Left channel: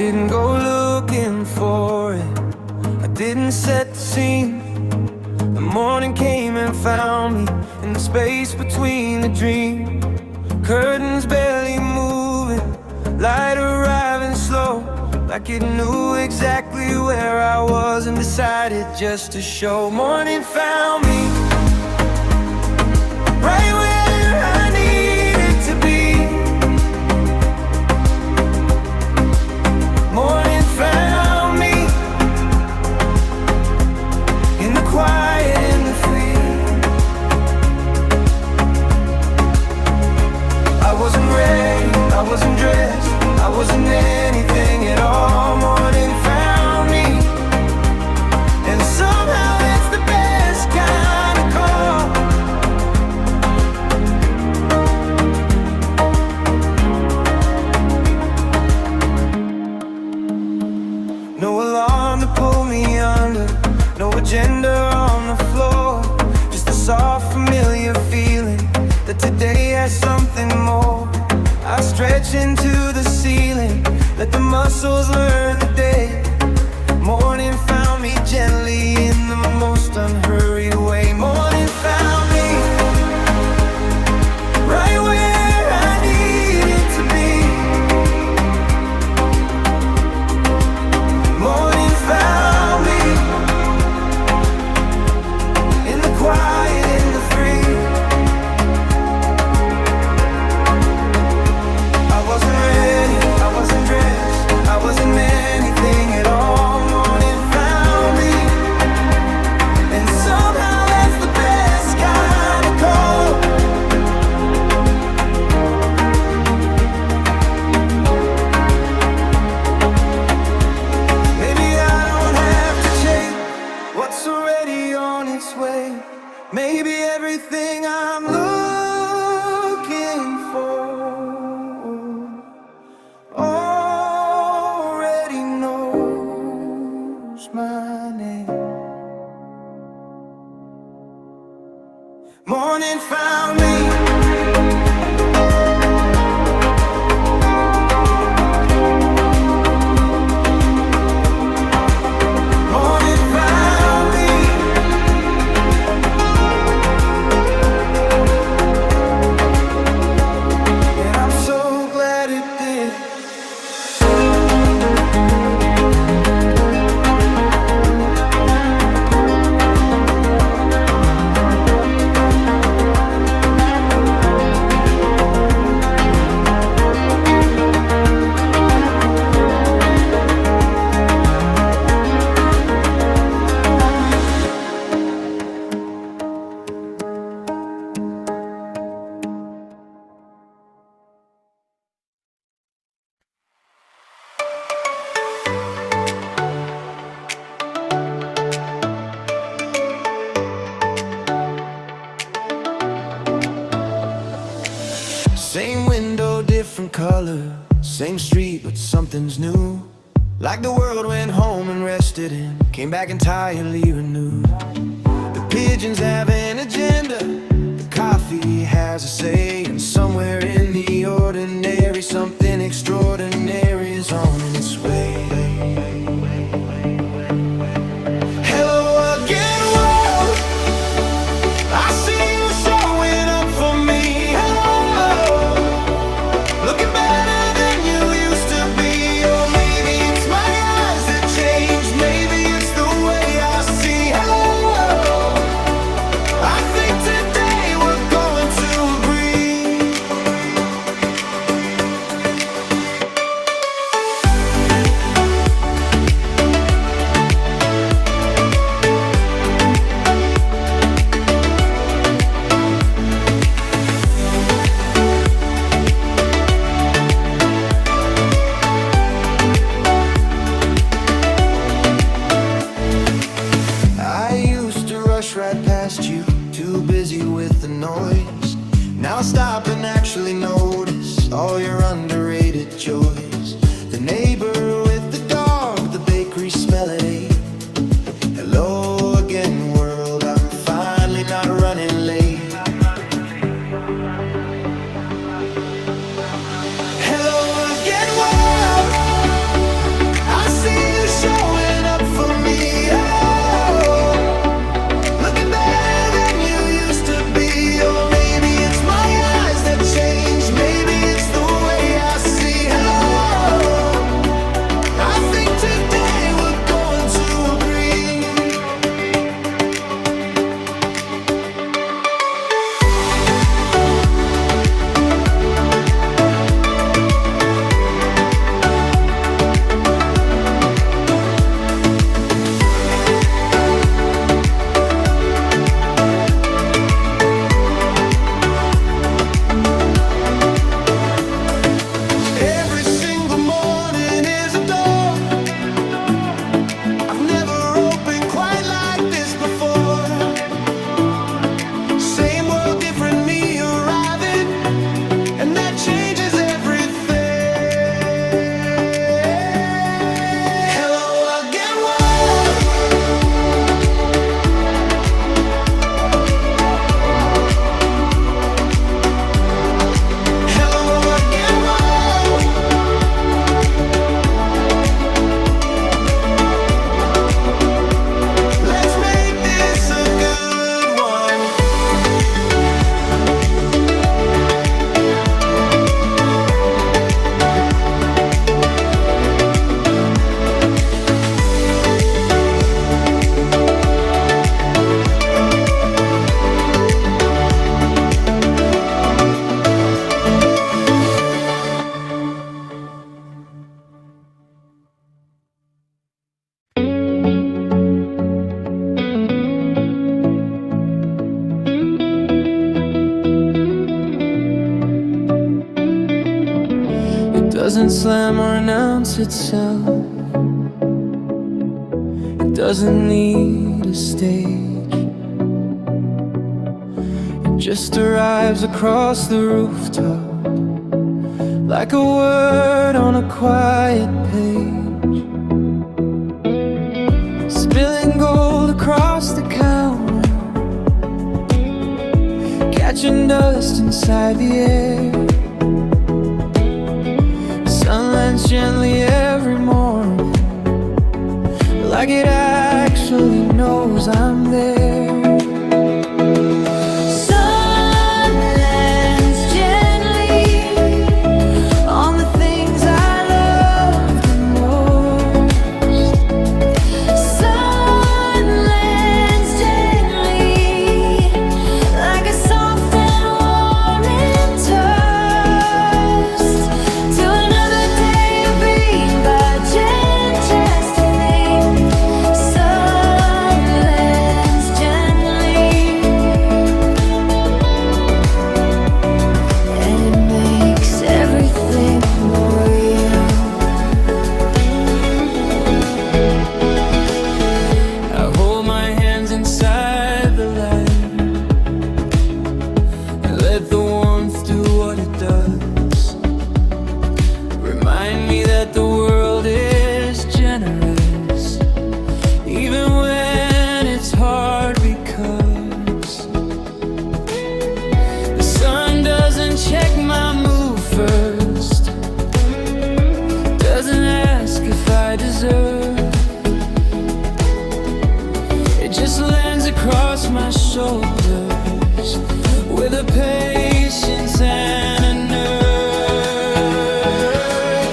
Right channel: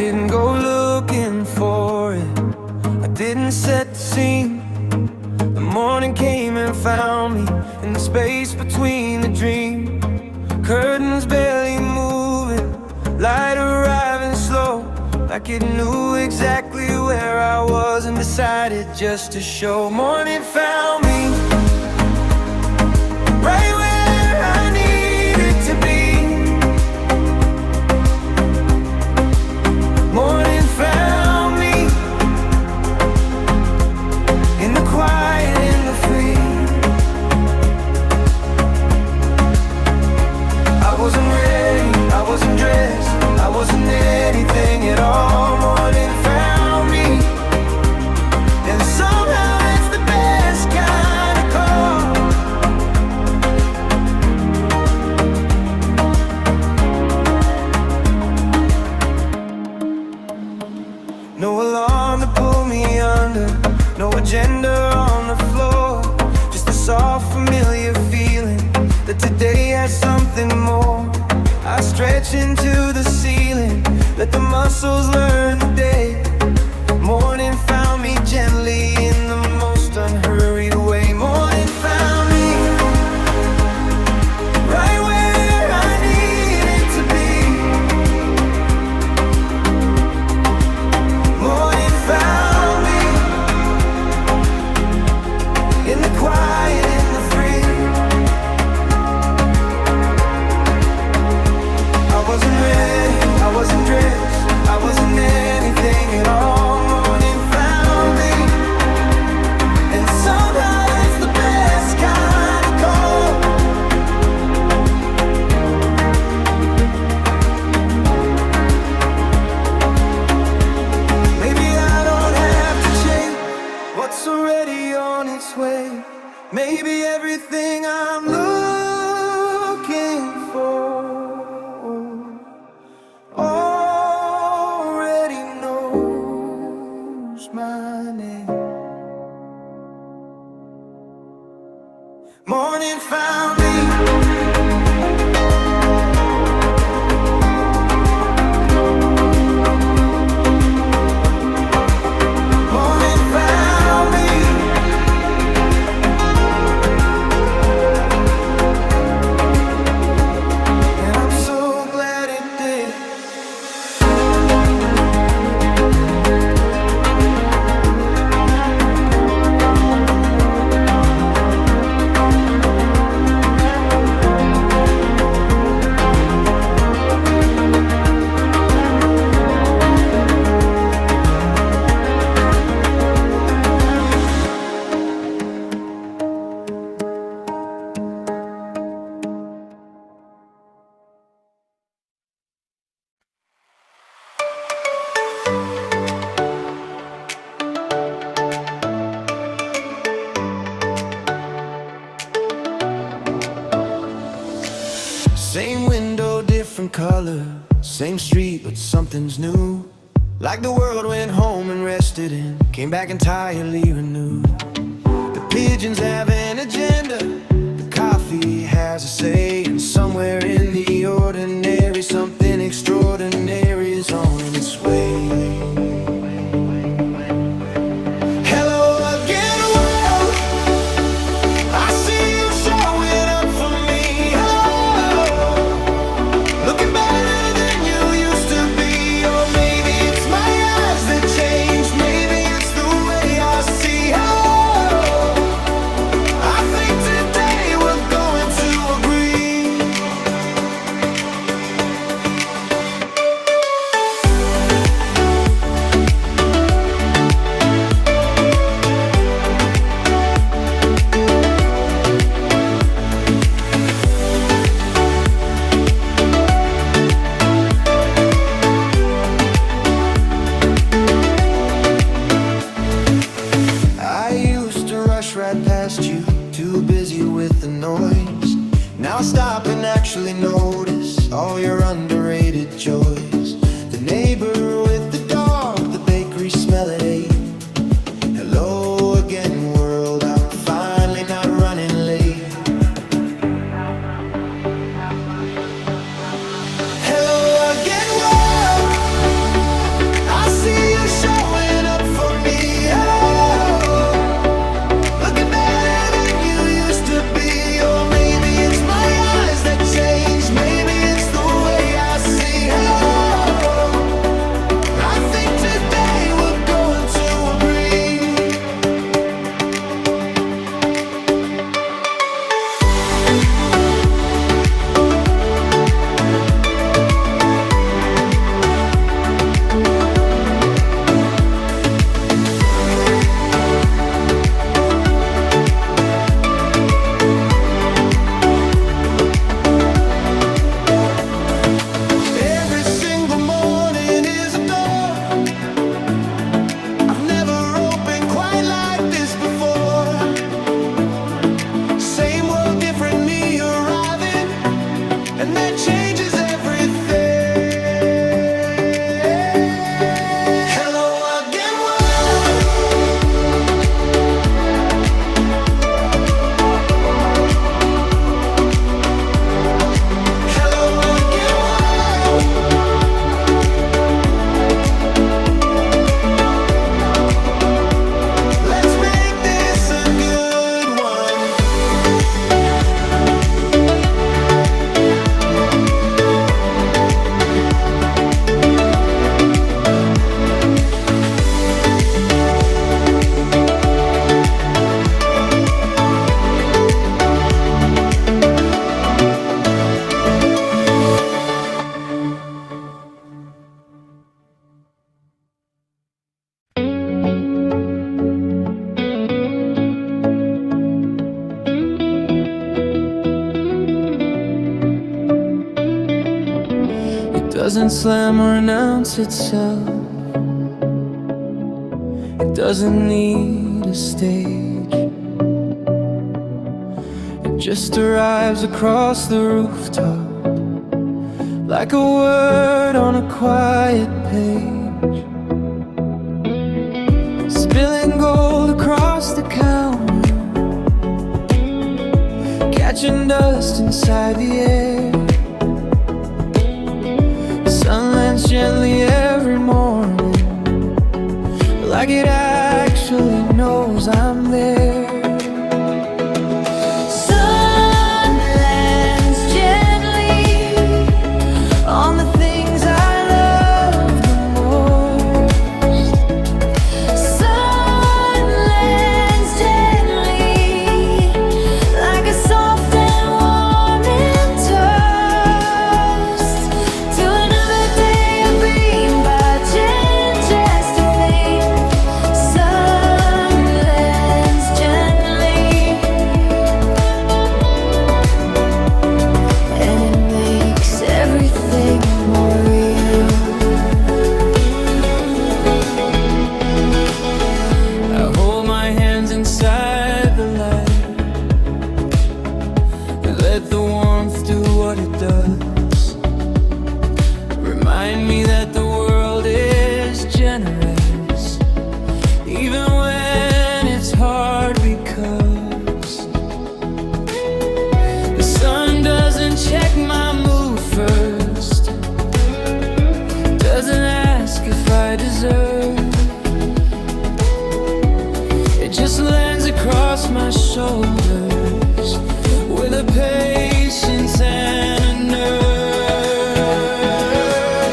didn't go looking for it, I didn't set the scene. The morning came and found me in the space between the dream. Curtains barely moving, light arriving slow, like it knew exactly where I was and decided just to show. Morning found me right where I needed to be. Morning found me in the quiet, in the free. I wasn't ready, I wasn't dressed, I wasn't anything at all. Morning found me, and somehow that's the best kind of call. No alarm to pull me under, no agenda on the floor, just a soft familiar feeling that today has something more. I stretch into the ceiling, let the muscles learn the day. Morning found me gently in the most unhurried way. Morning found me right where I needed to be. Morning found me in the quiet, in the free. I wasn't ready, I wasn't dressed, I wasn't anything at all. Morning found me, and somehow that's the best kind of call. Maybe I don't have to change what's already on its way. Maybe everything I'm looking for already knows my name. Morning found me. Morning found me. And I'm so glad it did. Same window, different color, same street, but something's new. Like the world went home and rested and came back entirely renewed. The pigeons have an agenda, the coffee has a say, and somewhere in the ordinary something extraordinary is on its way. Right past you, too busy with the noise. Now I stop and actually notice all your underrated joys. The neighbor with the dog, the bakery smell at 8. Hello again world, I'm finally not running late. Hello again world, doesn't slam or announce itself. It doesn't need a stage. It just arrives across the rooftop, like a word on a quiet page, spilling gold across the counter, catching dust inside the air. The sun lands gently every morning, like it actually knows I'm there. Inside the light, and let the warmth do what it does. Remind me that the world is generous, even when it's hard, because the sun doesn't check my mood first, doesn't ask if I deserve. It just lands across my shoulders with a patience and a nerve.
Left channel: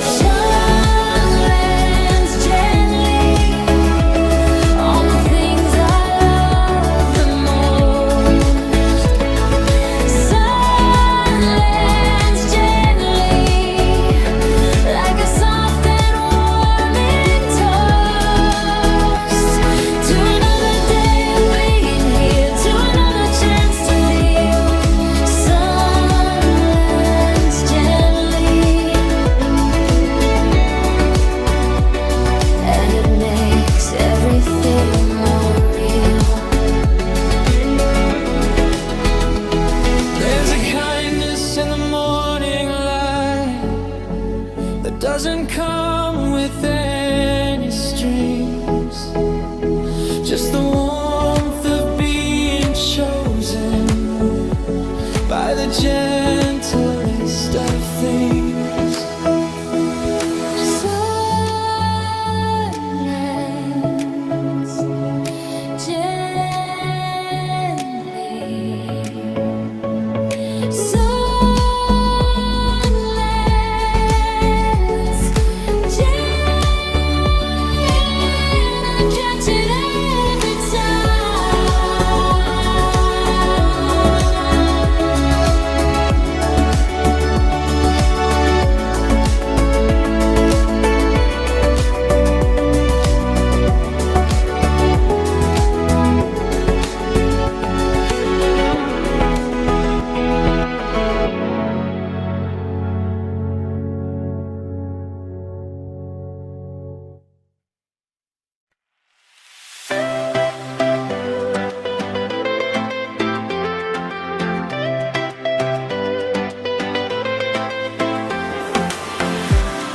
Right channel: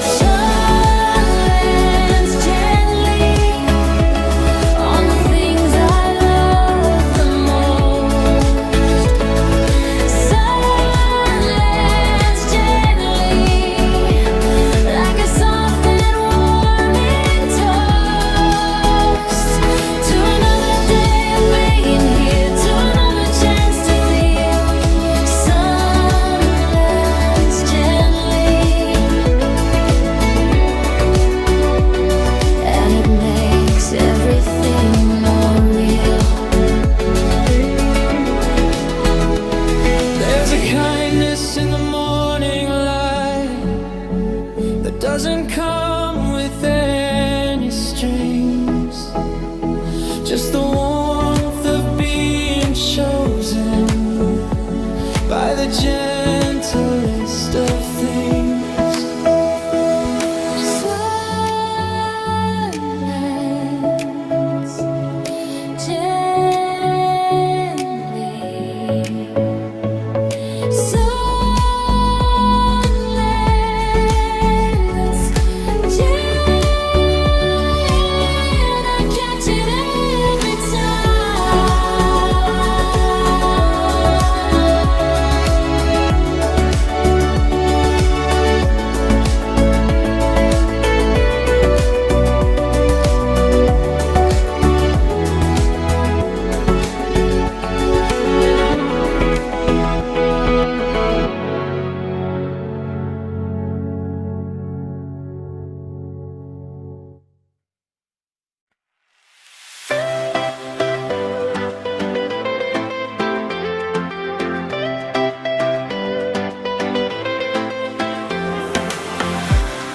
Sun lands gently on the things I love the most. Sun lands gently like a soft and warming toast to another day of being here, to another chance to feel. Sun lands gently, and it makes everything more real. There's a kindness in the morning light that doesn't come with any strings, just the warmth of being chosen by the gentlest of things. Sun lands gently. Sun lands gently, and I catch it every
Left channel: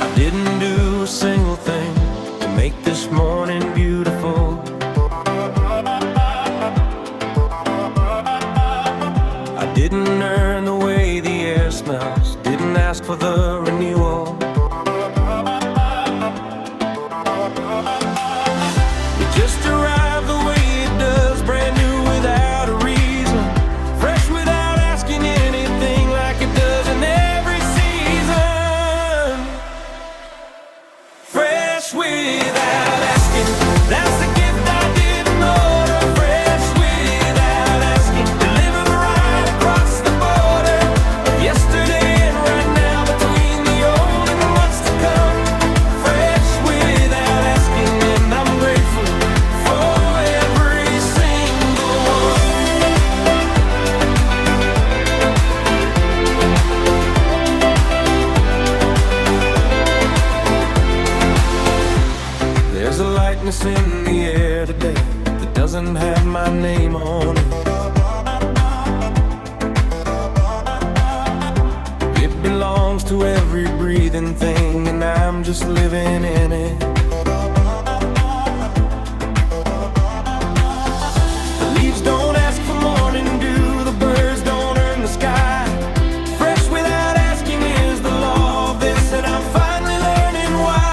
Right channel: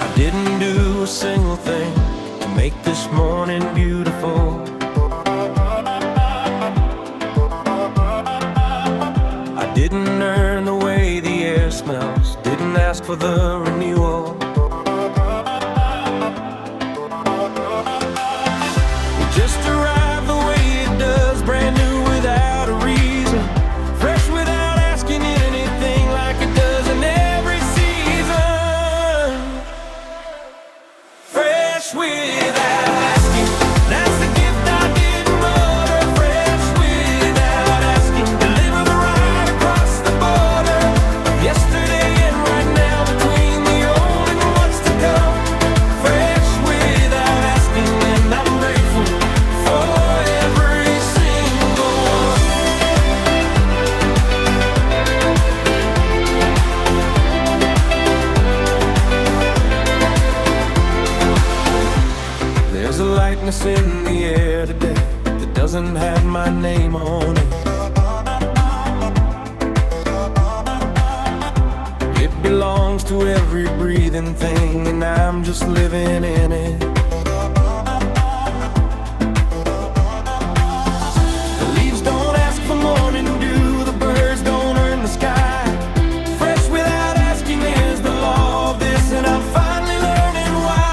I didn't do a single thing to make this morning beautiful. I didn't earn the way the air smells, didn't ask for the renewal. It just arrived the way it does, brand new without a reason, fresh without asking anything, like it does in every season. Fresh without asking, that's the gift I didn't order. Fresh without asking, deliver the ride across the border of yesterday and right now, between the old and darkness in the air today that doesn't have my name on it. It belongs to every breathing thing, and I'm just living in it. The leaves don't ask for morning dew, the birds don't earn the sky. Fresh without asking is the law of this, and I'm finally learning why.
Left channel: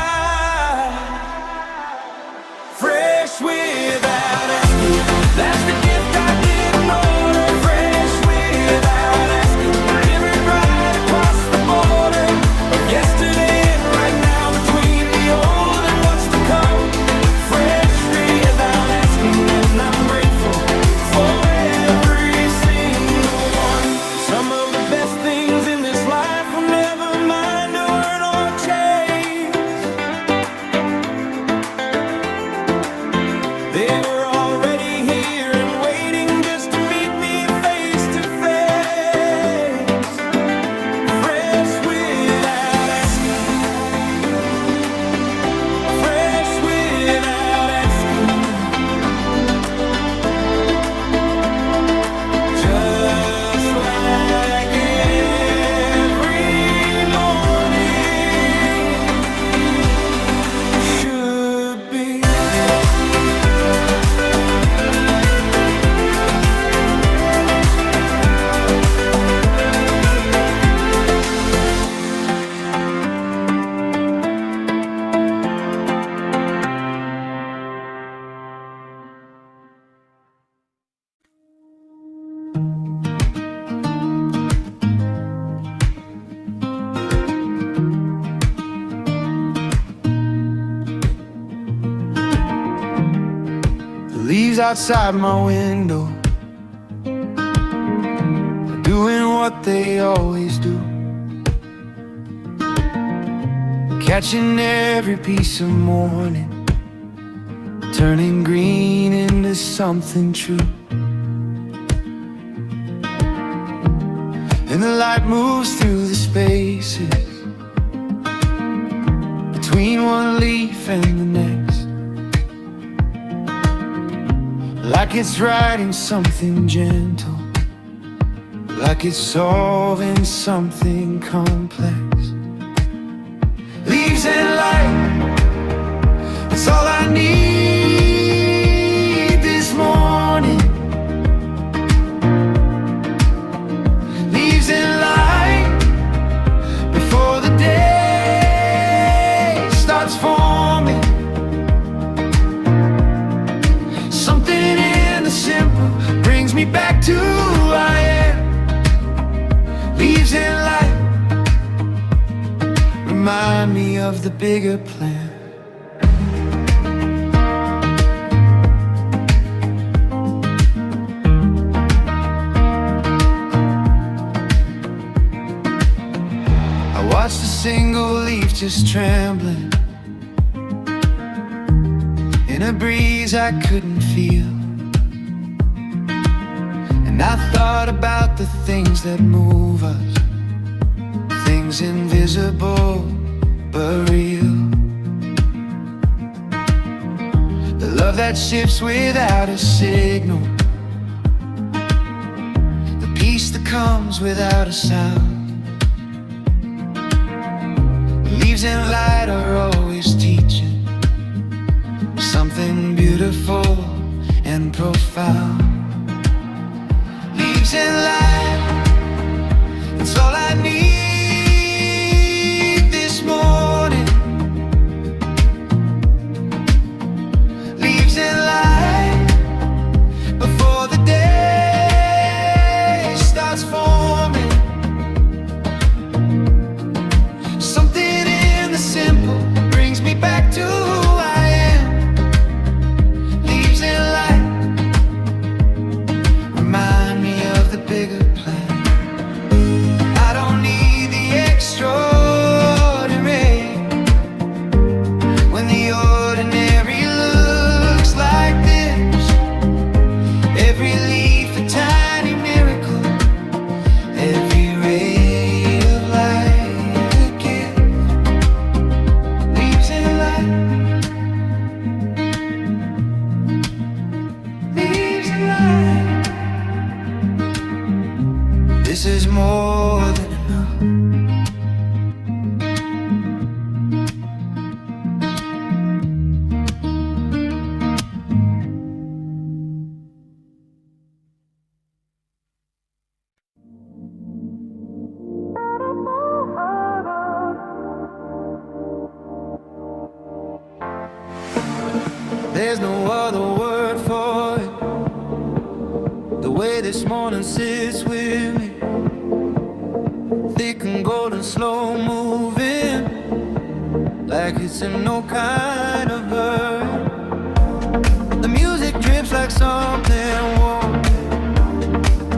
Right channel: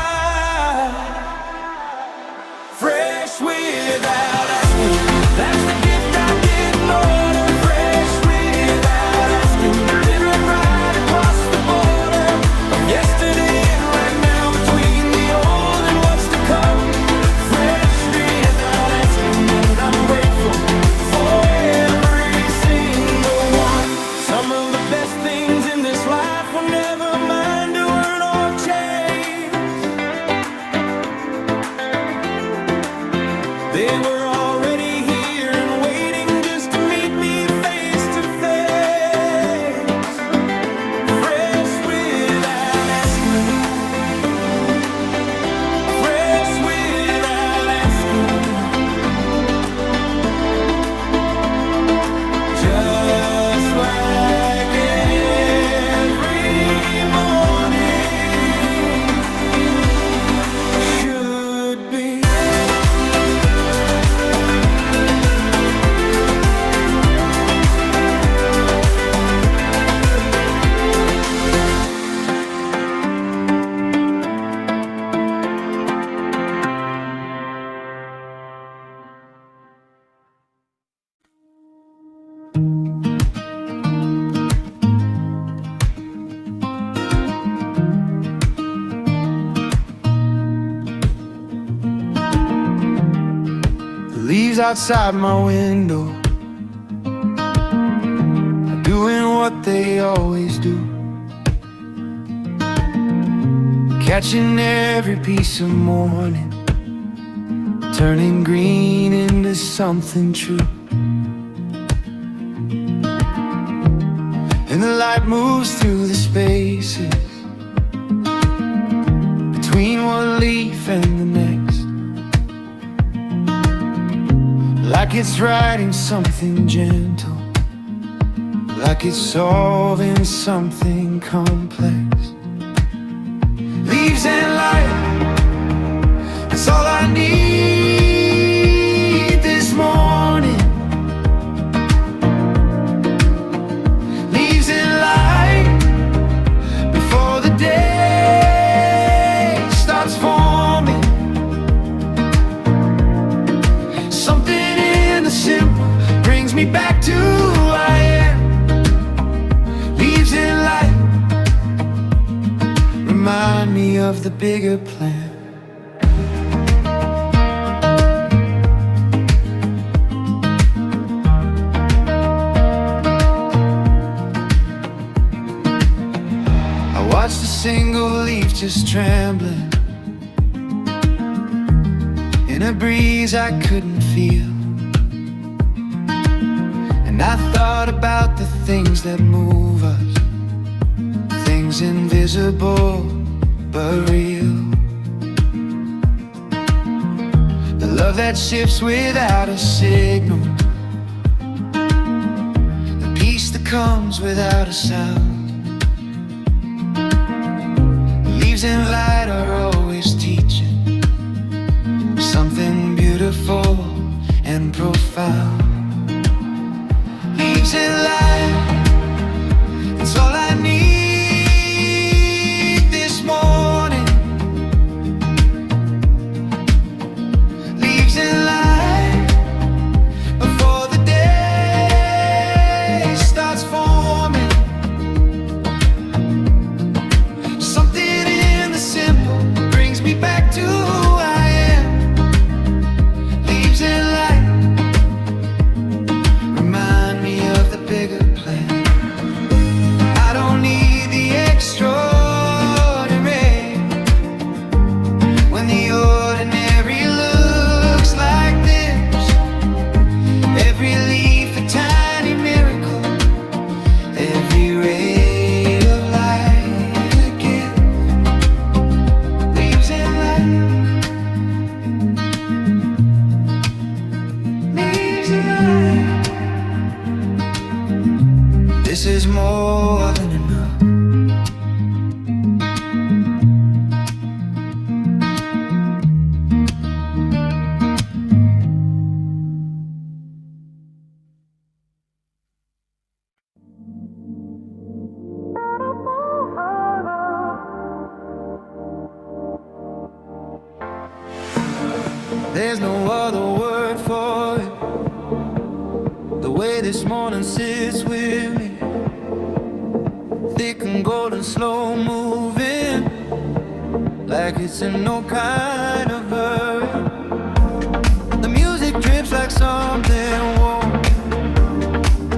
Fresh without asking, that's the gift I didn't order. Fresh without asking, delivered right across the border of yesterday and right now, between the old and what's to come. Fresh without asking, and I'm grateful for every single one. Some of the best things in this life will never mind to earn or chase. They were already here and waiting just to meet me face to face. Fresh without asking, fresh without asking. Just like every morning should be. The leaves outside my window are doing what they always do, catching every piece of morning, turning green into something true. And the light moves through the spaces between one leaf and the next, like it's writing something gentle, like it's solving something complex. Leaves and light, it's all I need this morning. Leaves and light before the day starts forming. Something in the simple brings me back to who I am. Leaves and light remind me of the bigger plan. I watched a single leaf just trembling in a breeze I couldn't feel, and I thought about the things that move us, things invisible but real. The love that shifts without a signal, the peace that comes without a sound. Leaves and light are always teaching something beautiful and profound. Leaves and light, it's all I need this morning. Leaves and light before the day starts forming. Something in the simple brings me back to who I am. Leaves and light this is more than enough. There's no other word for it. The way this morning sits with me, thick and golden, slow moving, like it's in no kind of hurry. The music drips like something warm.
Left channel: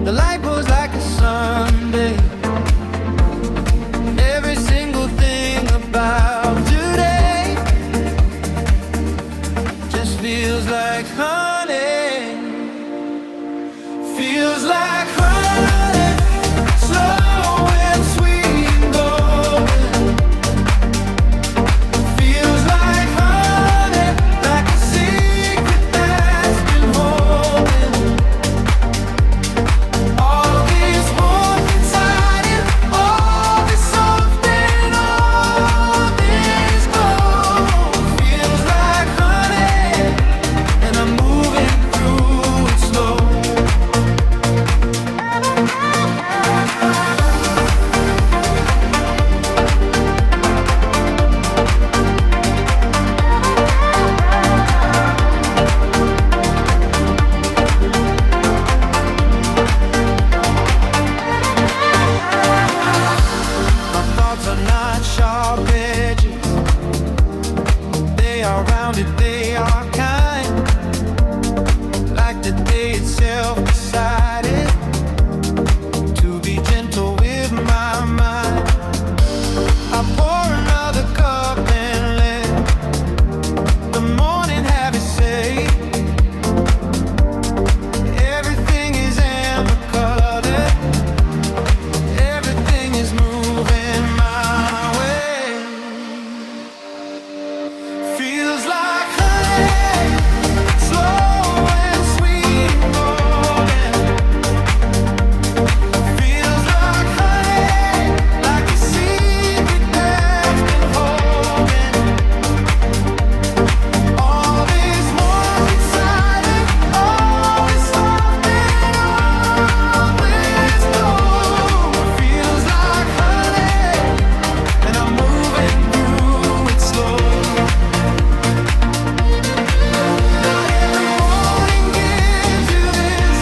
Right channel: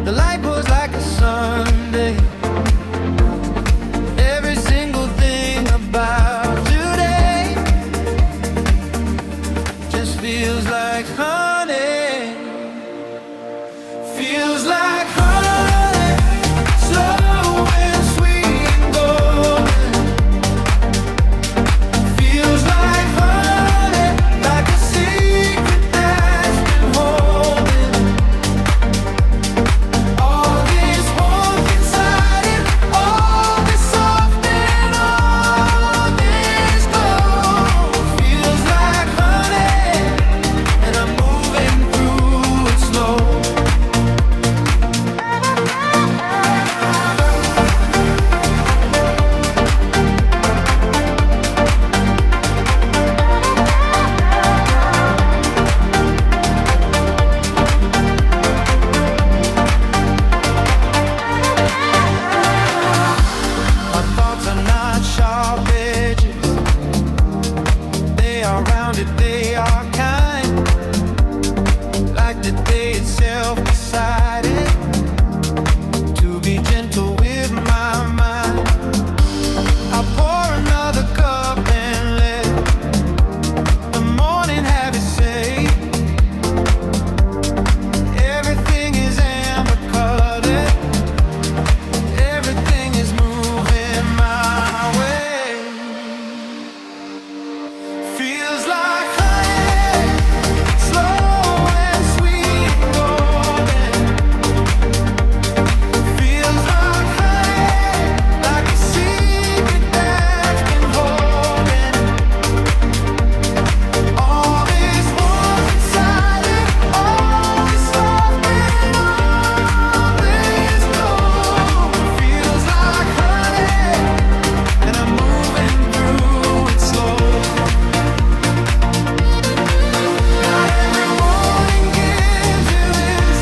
The light goes like a Sunday. Every single thing about today just feels like honey. Feels like honey, slow and sweet and golden. Feels like honey, like a secret that's been holding. All this warmth inside it, all this soft and all this glow. Feels like honey, and I'm moving through it slow. My thoughts are not sharp edges. They are rounded, they are kind. Like the day itself decided to be gentle with my mind. I pour another cup and let the morning have its say. Everything is amber colored. Everything is moving my way. Feels like honey, slow and sweet and golden. Feels like honey, like a secret that's been holding. All this warmth inside it, all this soft and all this glow. Feels like honey, and I'm moving through it slow. Not every morning gives you this.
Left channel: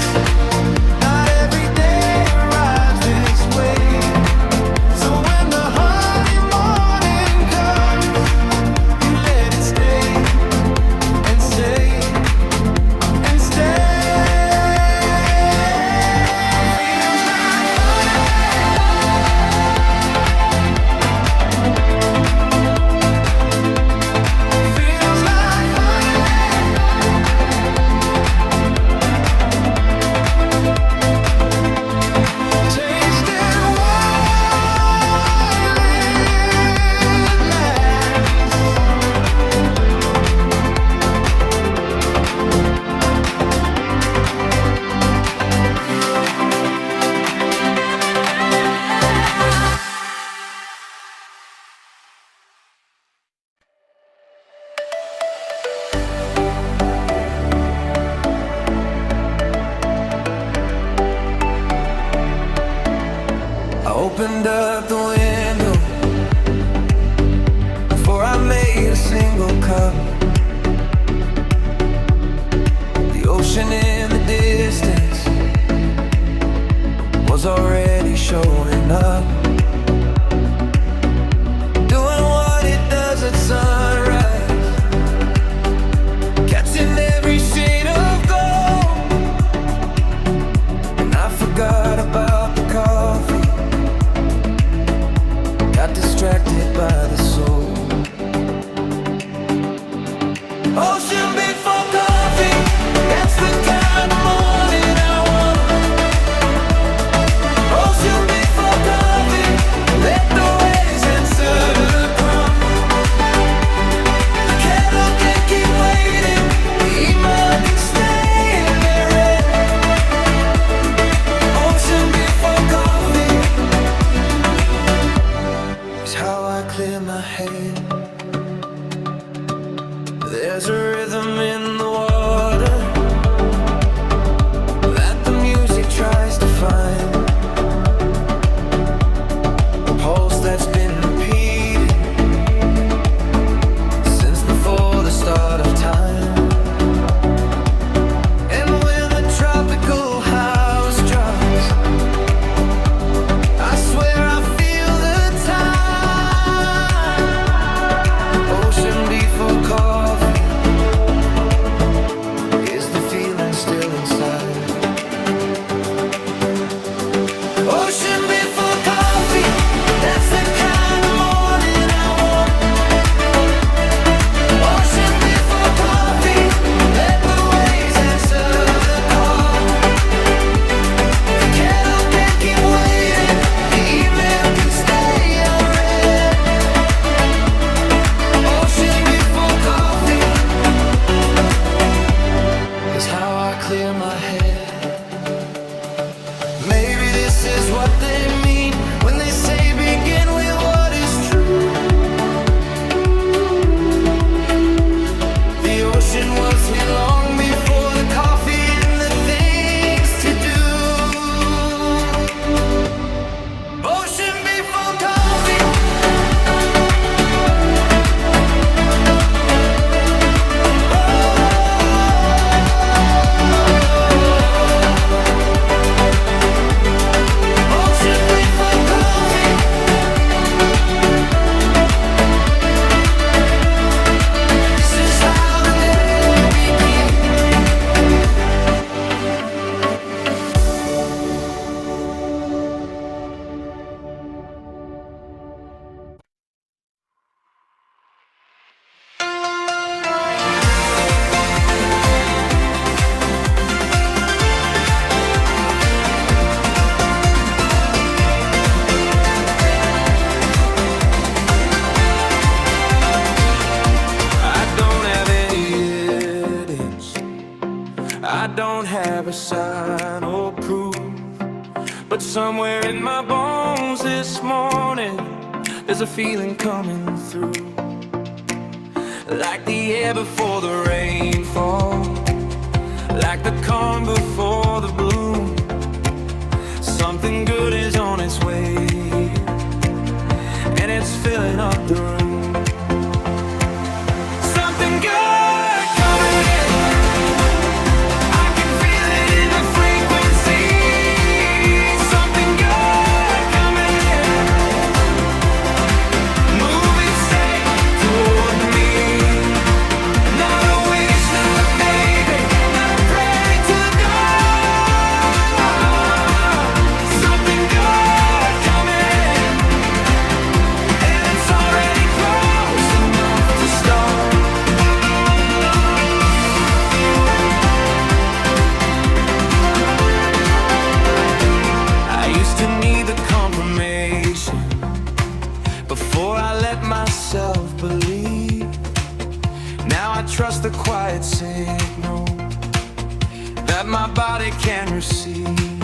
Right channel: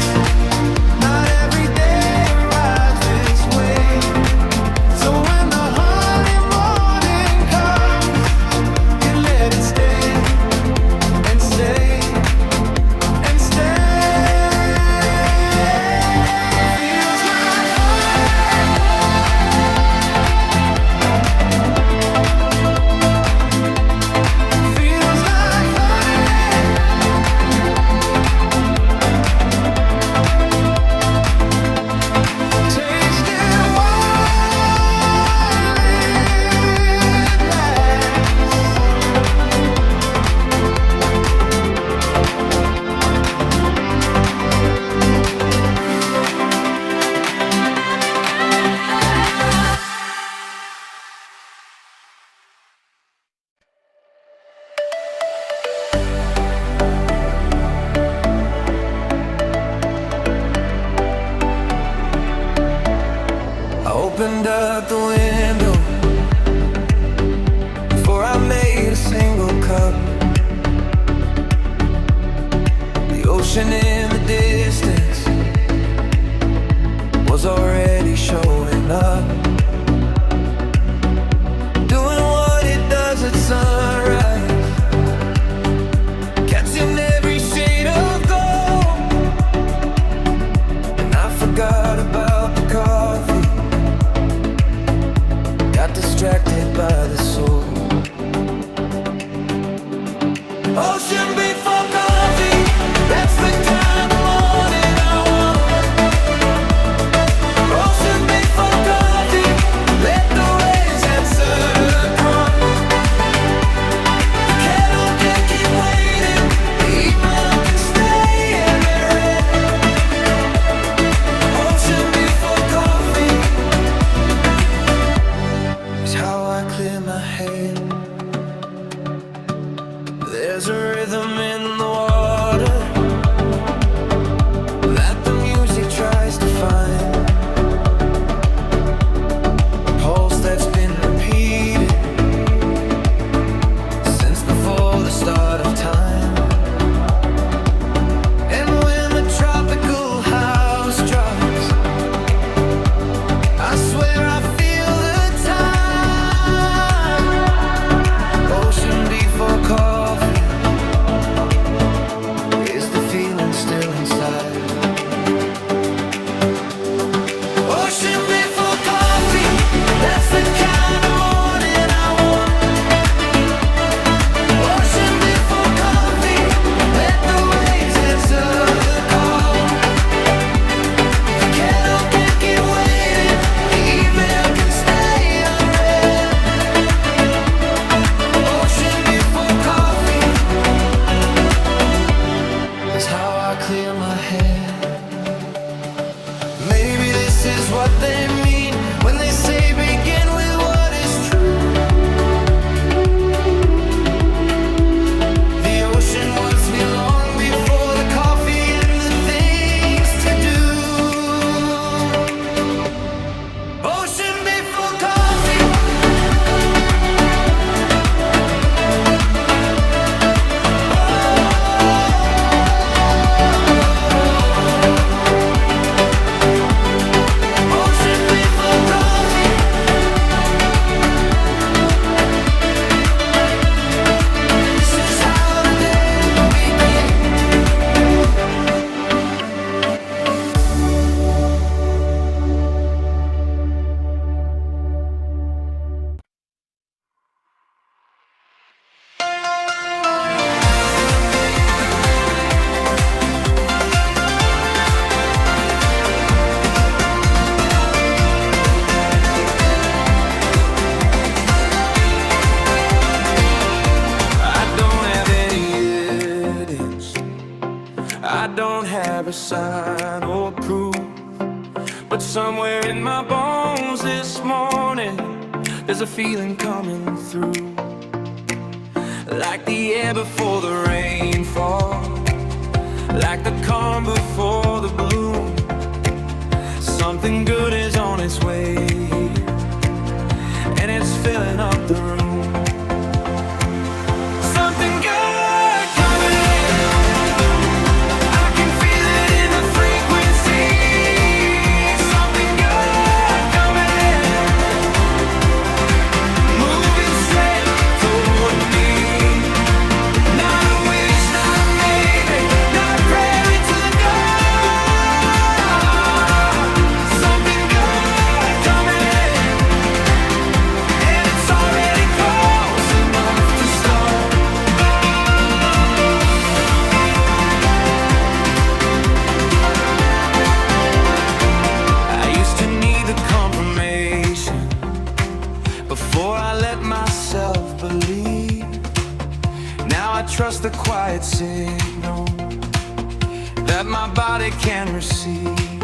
Not every day arrives this way. So when the honey morning comes, you let it stay and stay and stay. Feels like honey. Feels like honey. Taste it while it lasts. I opened up the window before I made a single cup. The ocean in the distance was already showing up, doing what it does at sunrise, catching every shade of gold. And I forgot about the coffee, got distracted by the soul. Ocean before coffee, that's the kind of morning I want. Ocean before coffee, inside. Ocean before coffee, that's the kind of morning I want. Ocean before coffee, let the waves answer the call. The kettle can't keep waiting, the email can stay unread. Ocean before coffee is how I clear my head. Maybe this is what they mean when they say begin with what is true. The ocean was here long before the coffee and the things to do. Ocean before coffee. Ocean before coffee. This is how the day begins. I don't have any evidence, I don't have a sign or proof, but somewhere in my bones this morning there's a feeling coming through, like the air before the rainfall, like the calm before the bloom. Something good is on its way here, and it's filling up the room. Something good coming, I can feel it in the frequency. Something good coming, moving straight toward me. Not a wish, not a maybe, not a prayer into the dark. Something good coming, and it's already close enough to start. I used to need the confirmation before I let myself believe. Now I trust the quiet signal that my body can receive.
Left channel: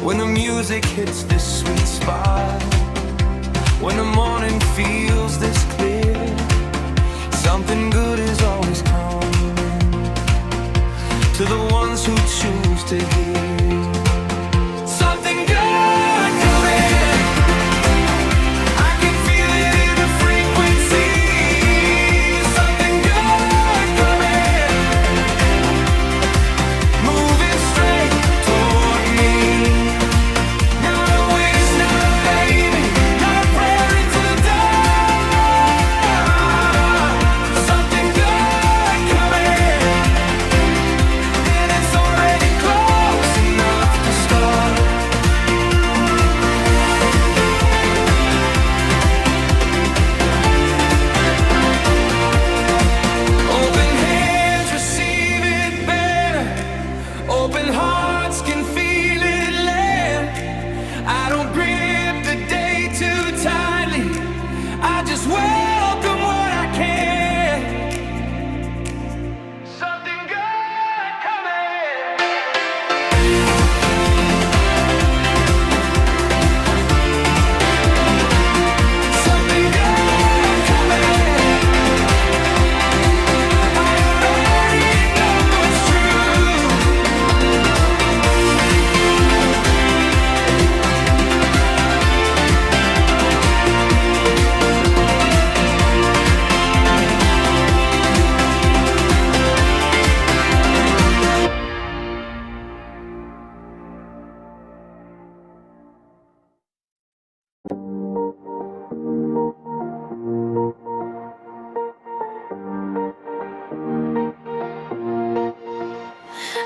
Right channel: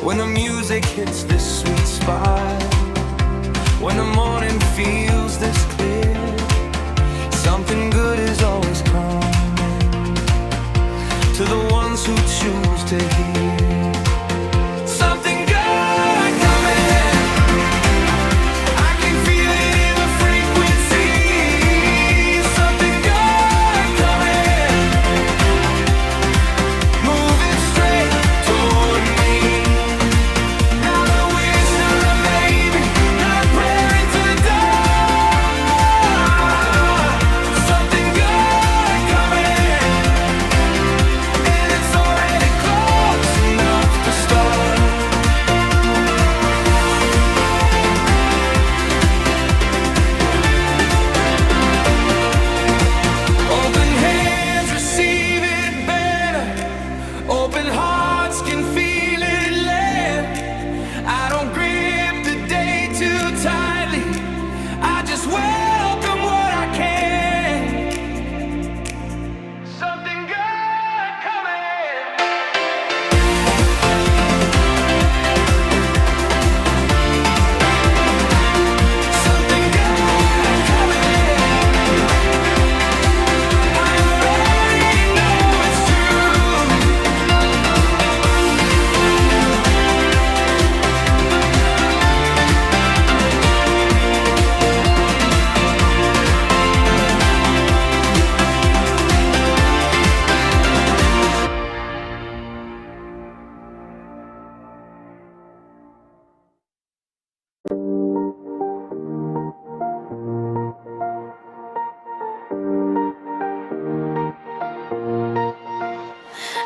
When the music hits this sweet spot, when the morning feels this clear, something good is always coming to the ones who choose to hear. Something good coming, I can feel it in the frequency. Something good coming, moving straight toward me. Not a wish, not a maybe, not a prayer into the dark. Something good coming, and it's already close enough to start. Open hands receive it better, open hearts can feel it land. I don't grip the day too tightly, I just welcome what I can. Something good coming. Something good coming, I already know it's true.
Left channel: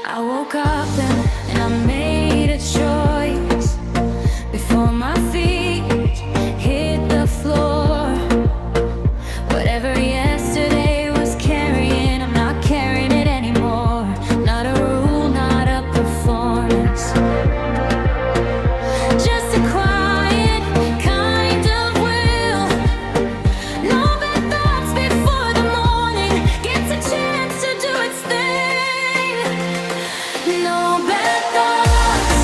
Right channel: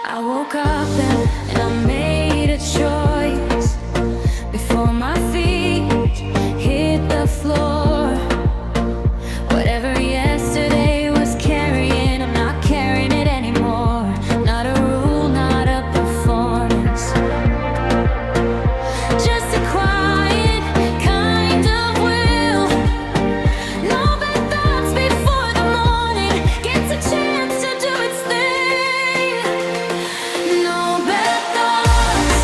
I woke up and I made a choice before my feet hit the floor. Whatever yesterday was carrying, I'm not carrying it anymore. Not a rule, not a performance, just a quiet kind of will. No bad thoughts before the morning gets a chance to do its thing. No bad thoughts,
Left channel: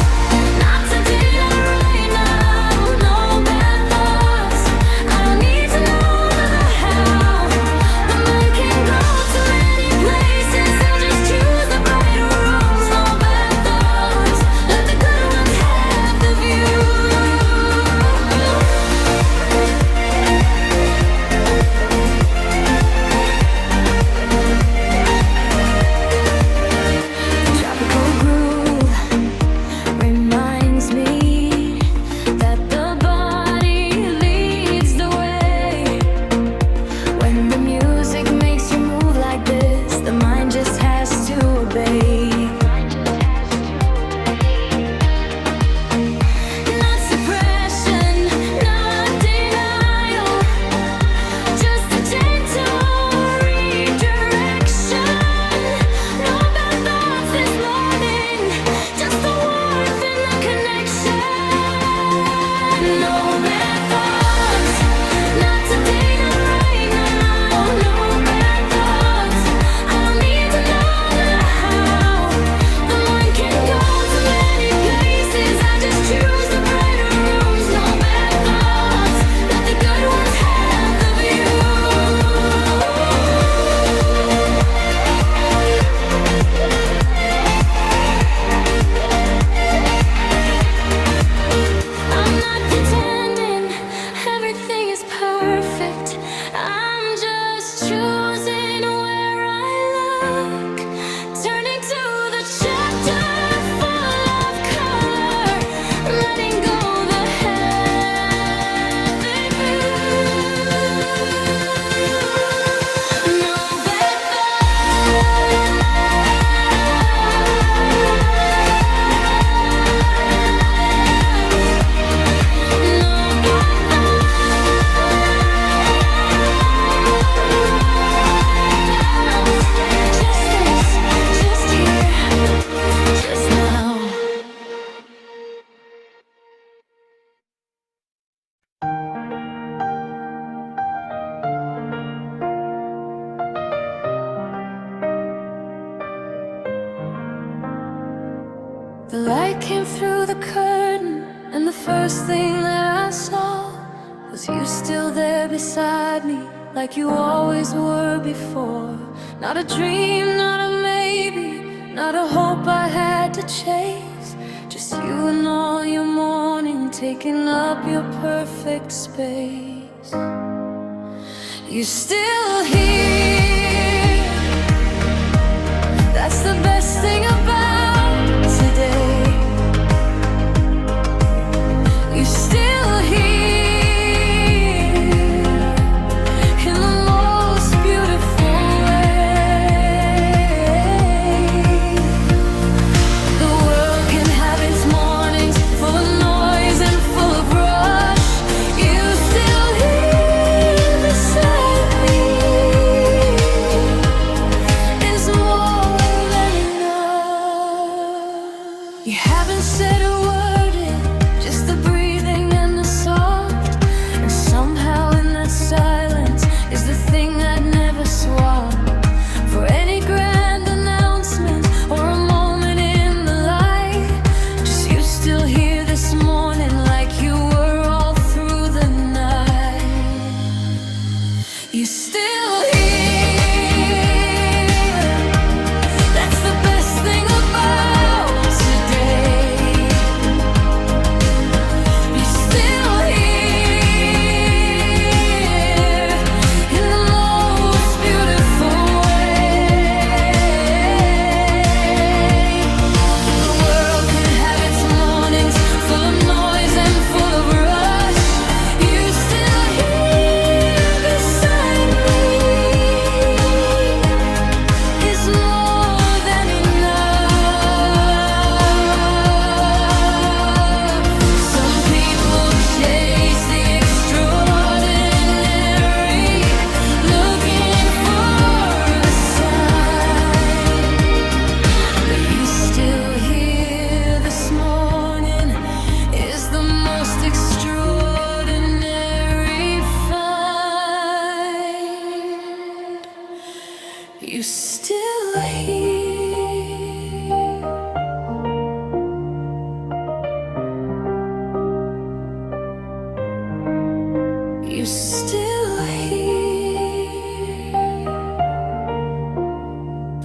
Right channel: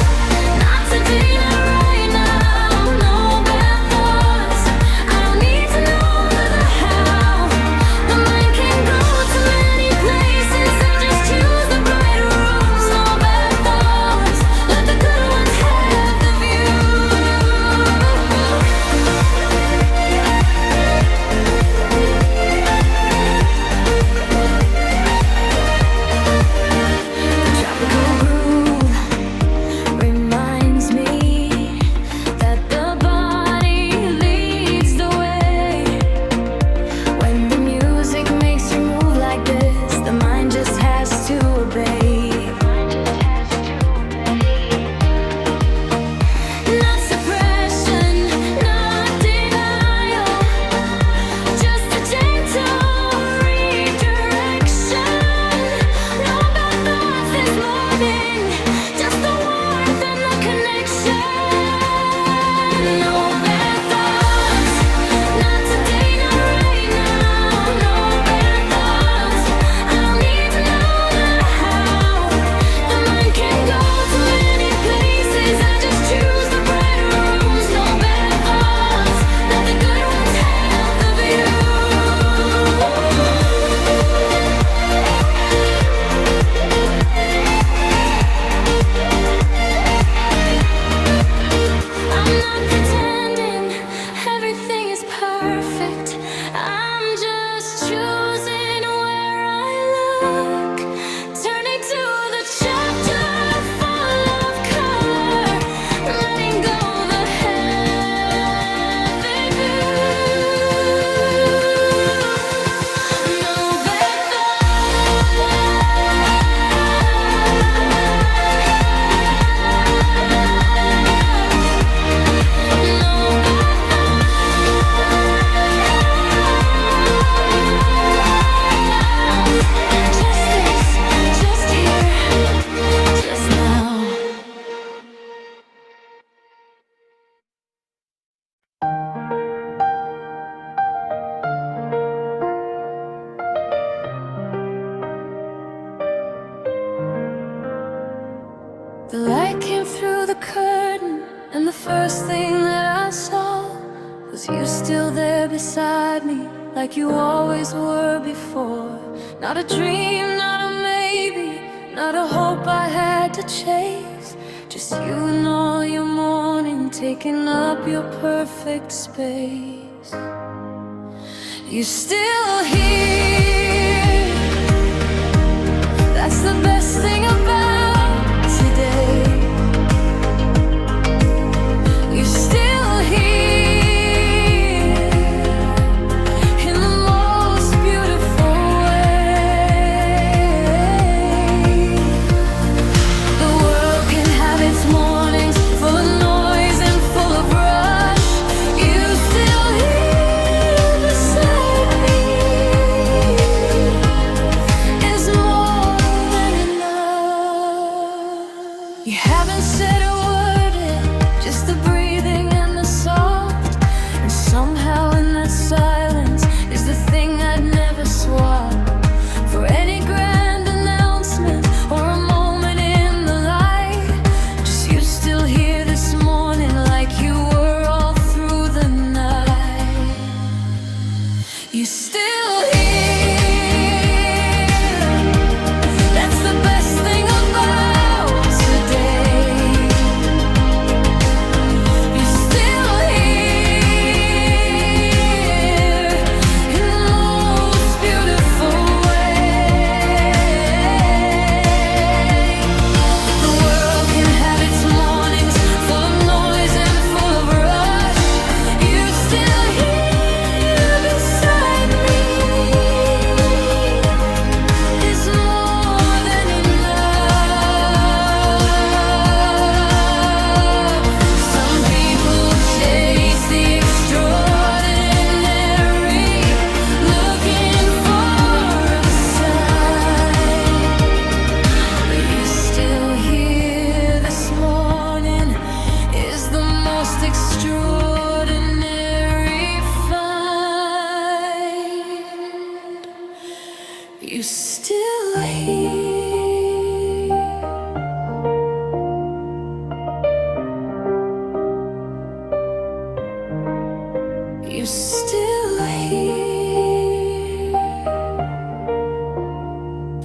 not today, not right now. No bad thoughts, I don't need to know the how. The mind can go to many places, I just choose the brighter rooms. No bad thoughts, let the good ones have the view. The tropical groove reminds me that the body leads the way. When the music makes you move like this, the mind just has to obey. Not suppression, not denial, just a gentle redirection. No bad thoughts this morning, just the warmth and the connection. No bad thoughts, not today, not right now. No bad thoughts, I don't need to know the how. The mind can go to many places, I just choose the brighter rooms. No bad thoughts, let the good ones have the view. I'm not pretending everything is perfect. I'm just choosing where I look, turning to the chapter full of color, letting go the heavy view. No bad just this, just here, just now. The light came through the curtain, and the first thing that I saw was you still there beside me, like you always were before. Not a dream, not a maybe, not a hope I had to chase. Just you and all your morning, taking up your perfect space. You're still here, that's the best thing about today. You're still here in the most beautiful way. The world can have its mornings full of noise and full of rush. You still here beside me is more than you're still here.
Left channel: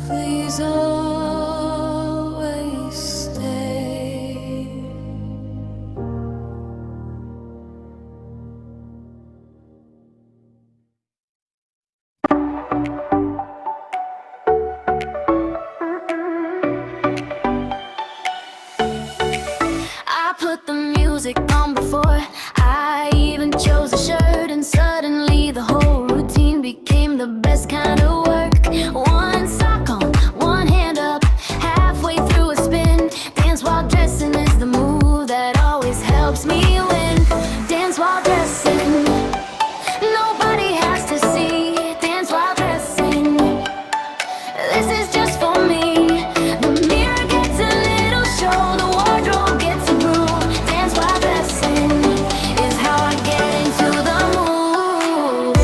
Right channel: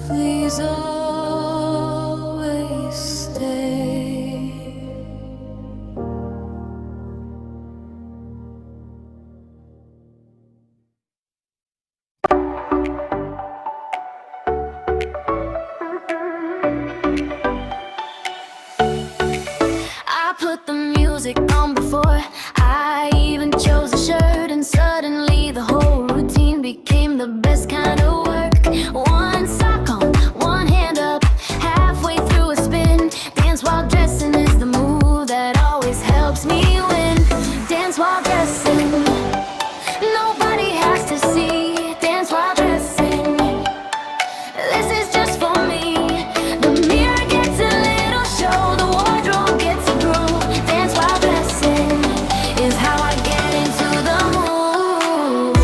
Please always stay. I put the music on before I even chose a shirt, and suddenly the whole routine became the best kind of work. One sock on, one hand up, halfway through a spin. Dance while dressing is the move that always helps me win. Dance while dressing, nobody has to see. Dance while dressing, this is just for me. The mirror gets a little show, the wardrobe gets a groove. Dance while dressing is how I get into the mood.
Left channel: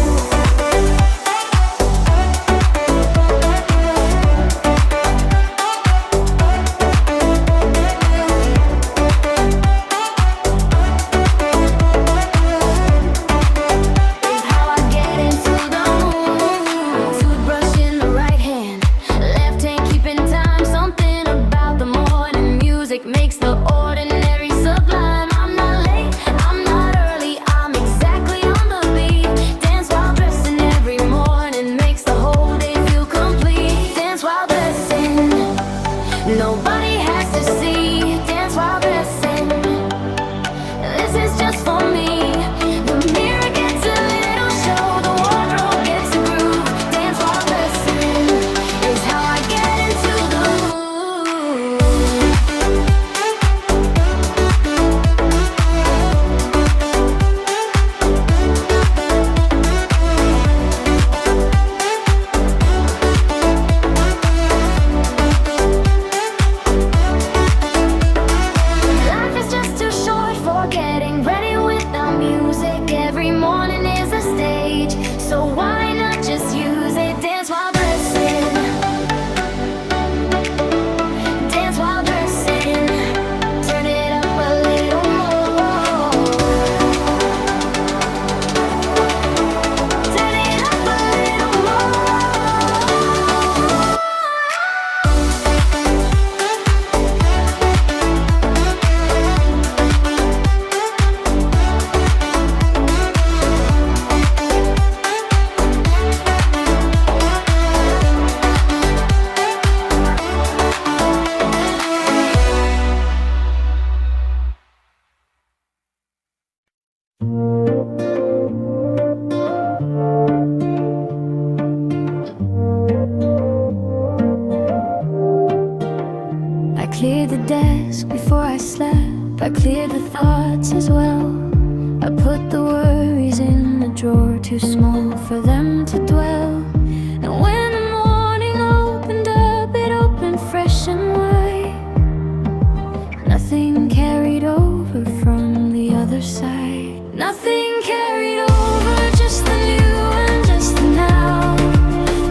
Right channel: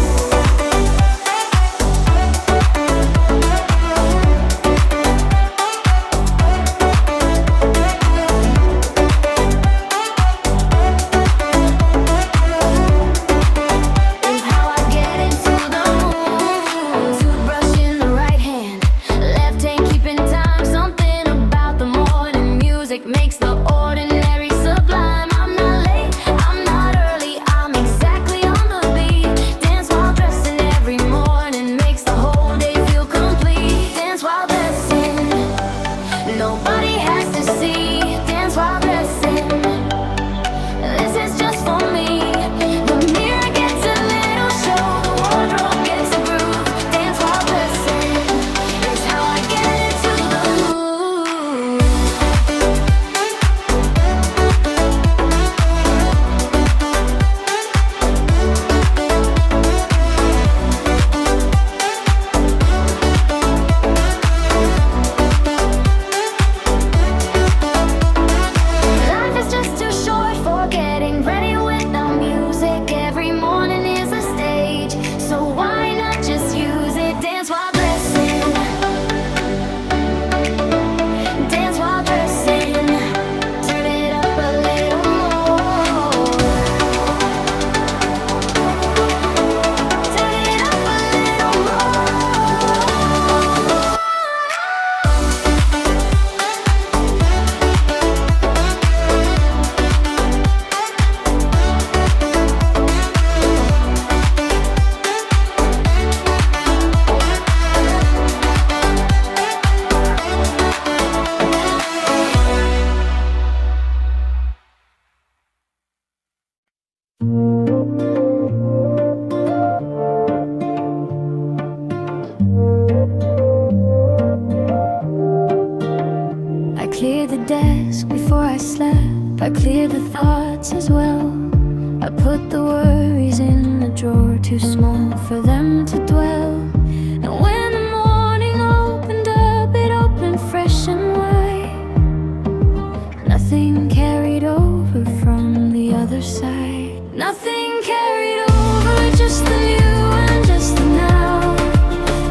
Is how I get into the mood. Toothbrush in the right hand, left hand keeping time. Something about the morning music makes the ordinary sublime. I'm not late, I'm not early, I'm exactly on the beat. Dance while dressing every morning makes the whole day feel complete. Dance while dressing, nobody has to see. Dance while dressing, this is just for me. The mirror gets a little show, the wardrobe gets a groove. Dance while dressing is how I get into the mood. Life is just too short for getting ready without music. Every morning is a stage, so why not just use it? Dance while dressing, dance while dressing. Turn it up a little more. Turn it up a little more. I cleared the desk before I slept. I cleared the thoughts as well. I put the worries in a drawer too small for them to dwell. And when the morning opened up, it opened fresh and wide. Nothing carried over from the other side. Nothing carried over, just the new and just the now.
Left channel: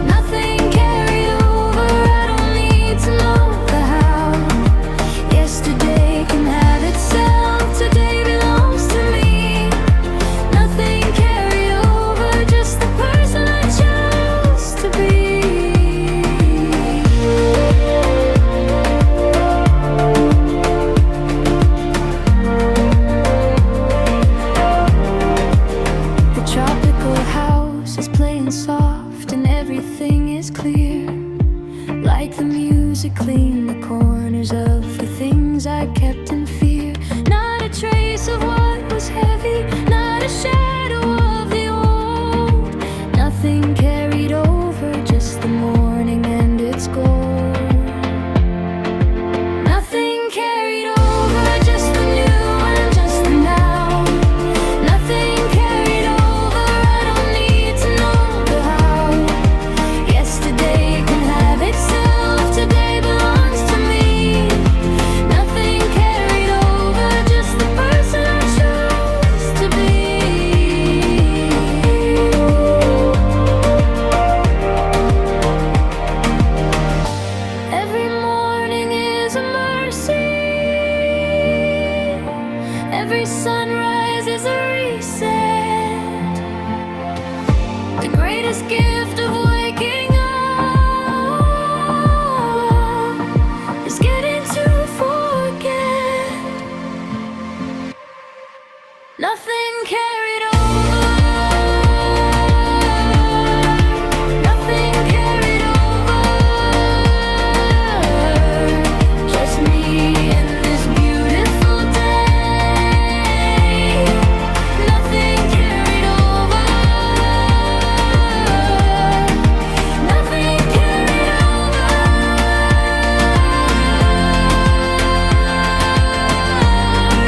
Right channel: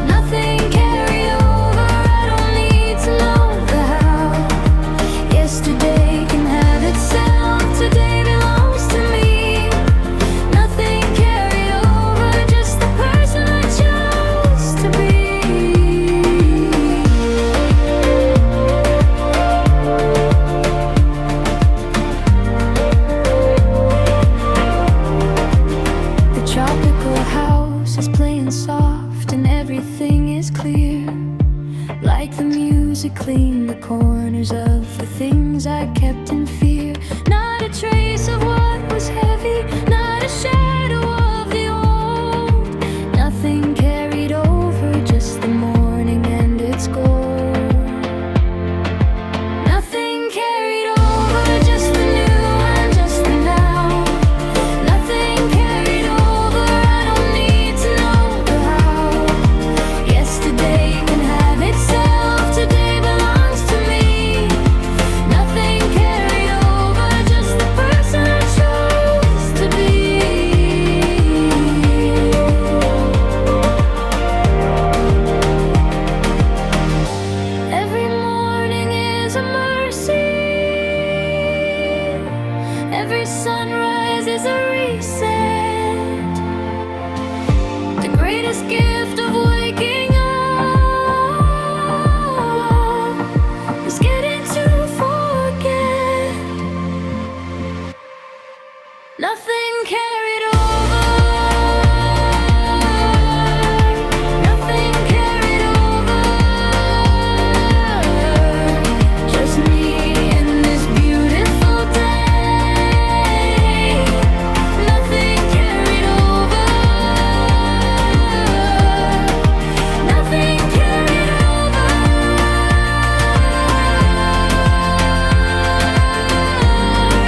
Nothing carried over, I don't need to know the how. Yesterday can have itself, today belongs to me. Nothing carried over, just the person I chose to be. The tropical house is playing soft and everything is clear. Like the music cleaned the corners of the things I kept in fear. Not a trace of what was heavy, not a shadow of the old. Nothing carried over, just the morning and its gold. Nothing carried over, just the new and just the now. Nothing carried over, I don't need to know the how. Yesterday can have itself, today belongs to me. Nothing carried over, just the person I chose to be. Every morning is a mercy. Every sunrise is a reset. greatest gift of waking up is getting to forget. Nothing carried over. Nothing carried over. Just me and this beautiful day. Nothing carried over. Nothing carried over.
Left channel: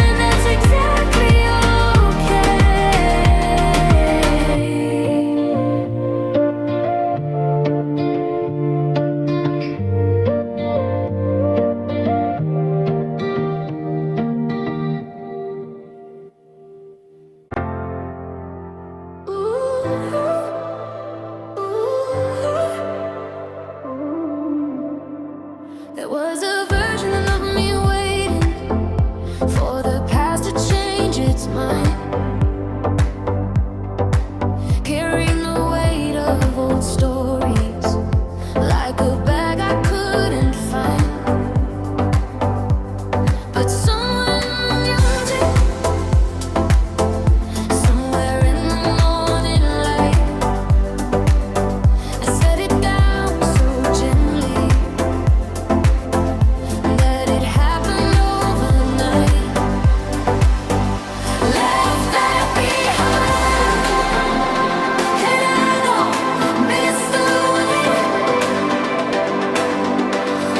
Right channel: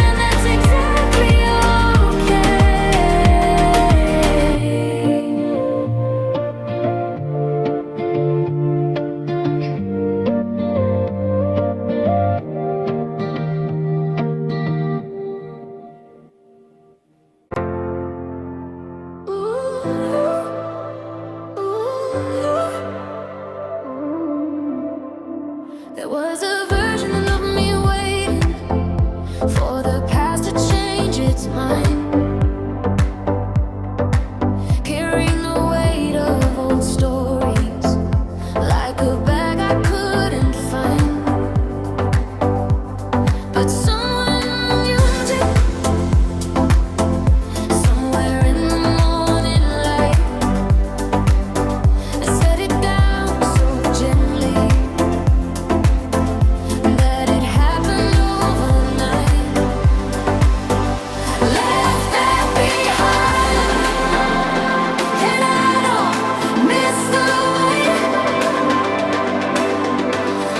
And that's exactly okay. There was a version of me waiting for the past to change its mind, carrying the weight of old stories like a bag I couldn't find. But someone used it somewhere in the morning light. I set it down so gently that it happened overnight. Left that behind, and I don't miss the way.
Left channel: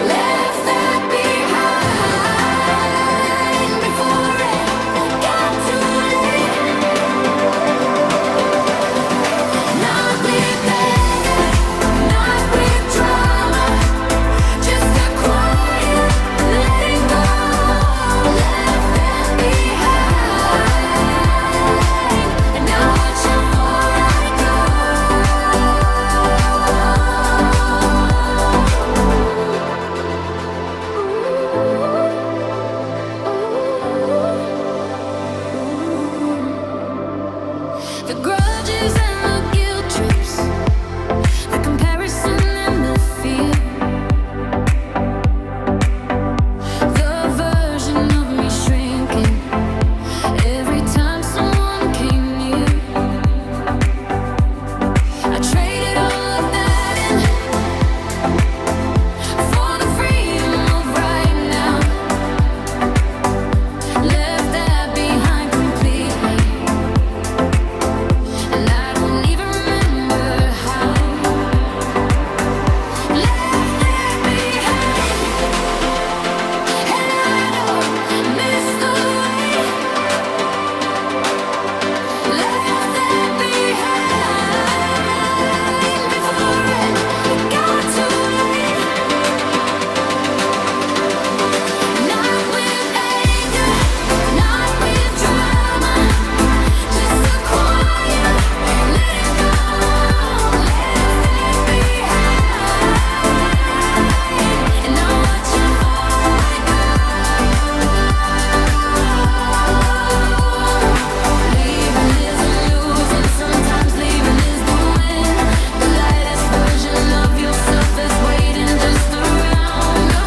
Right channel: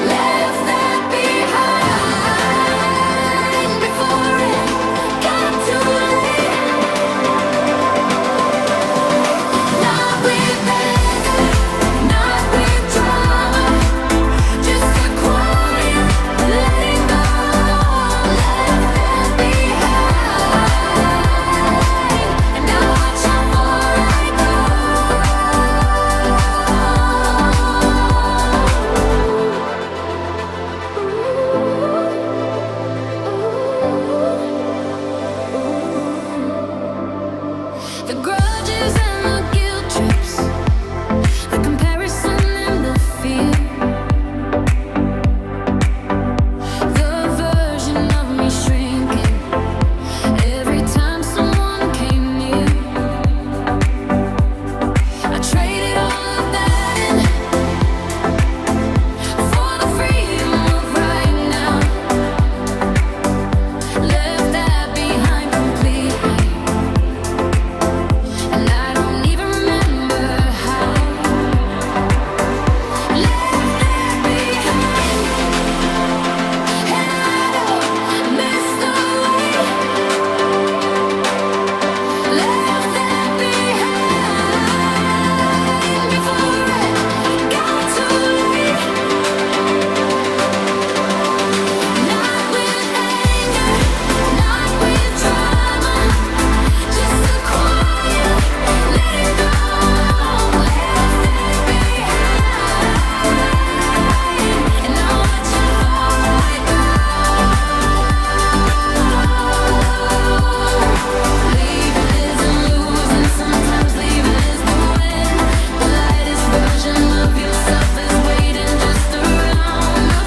Left that behind before it got too late. Not with anger, not with drama, just a quiet letting go. Left that behind, and now watch how far I go. The grudges and the guilt trips, the comparison and the fear, the version of me shrinking every time someone came near. I traded all of that in for the freedom of right now. Left that behind completely, and I don't even remember how. Left that behind, and I don't miss the way. Left that behind before it got too late. Not with anger, not with drama, just a quiet letting go. Left that behind, and now watch how far I go. Leaving isn't losing, sometimes leaving is the win. The lightest version of yourself is waiting just around the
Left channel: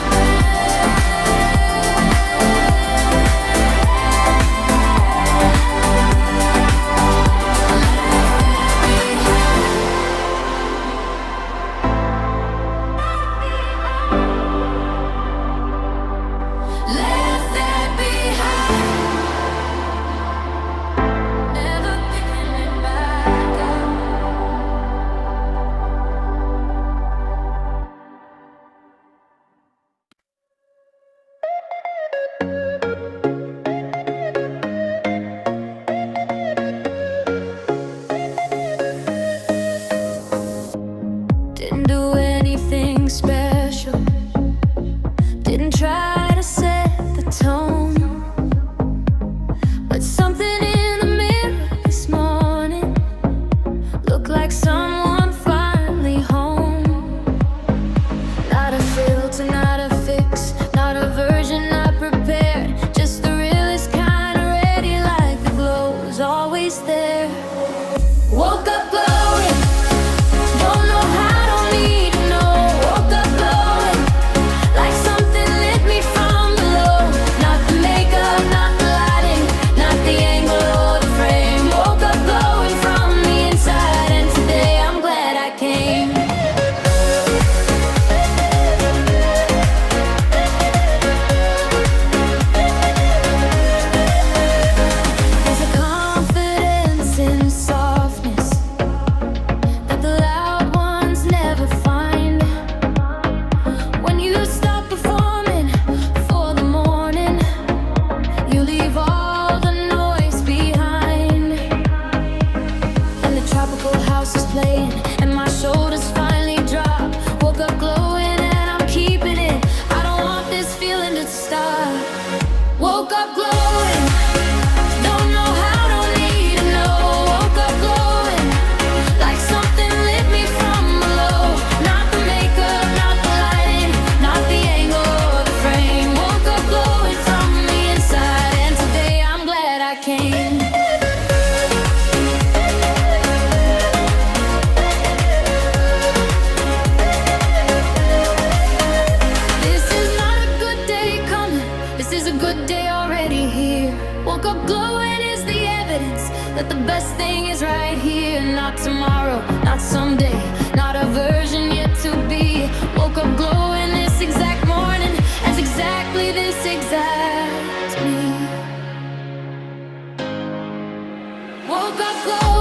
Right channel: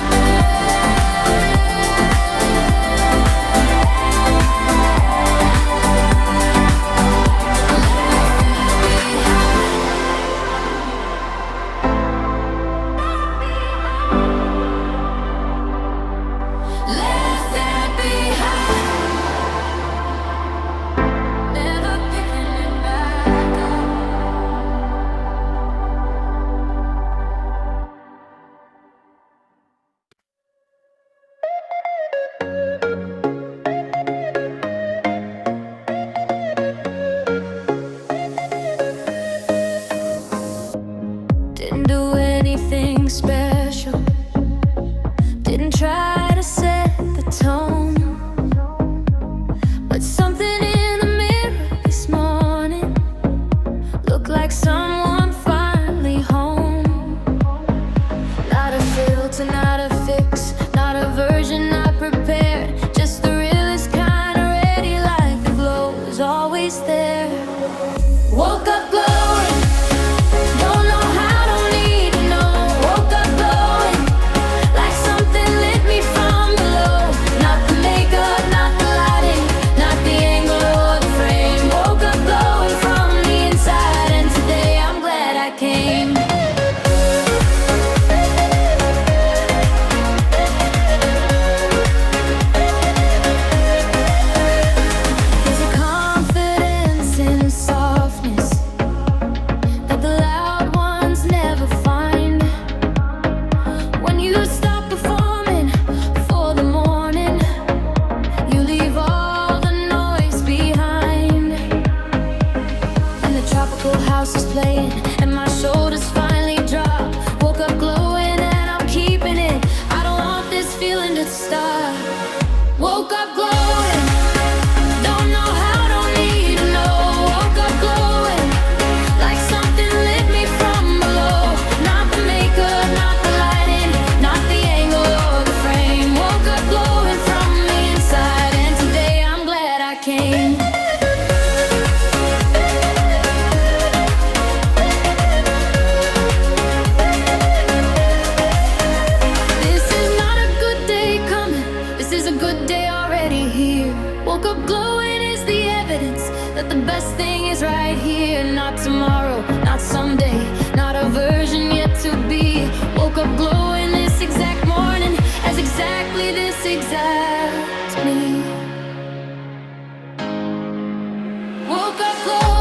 left that behind, never picking it back up. Didn't do anything special, didn't try to set the tone, but something in the mirror this morning looked like someone finally home. Not a filter, not a fix, not a version I prepared, just the realest kind, ready like the glow was always there. Woke up glowing, playing, and my shoulders finally drop. Woke up glowing and I'm keeping it. I don't want this feeling to stop. Woke up glowing, don't know how, don't need to know. Woke up glowing, like something lit me from below. Not the makeup, not the lighting, not the angle or the frame. Woke up glowing from the inside, and today I'm glad I came. This is not a good day coming, this is a good day already here. Woke up glowing is the evidence that the best thing is right here. Not tomorrow, not someday, not a version yet to be. Woke up glowing this exact morning as exactly this exact me. Woke up glowing.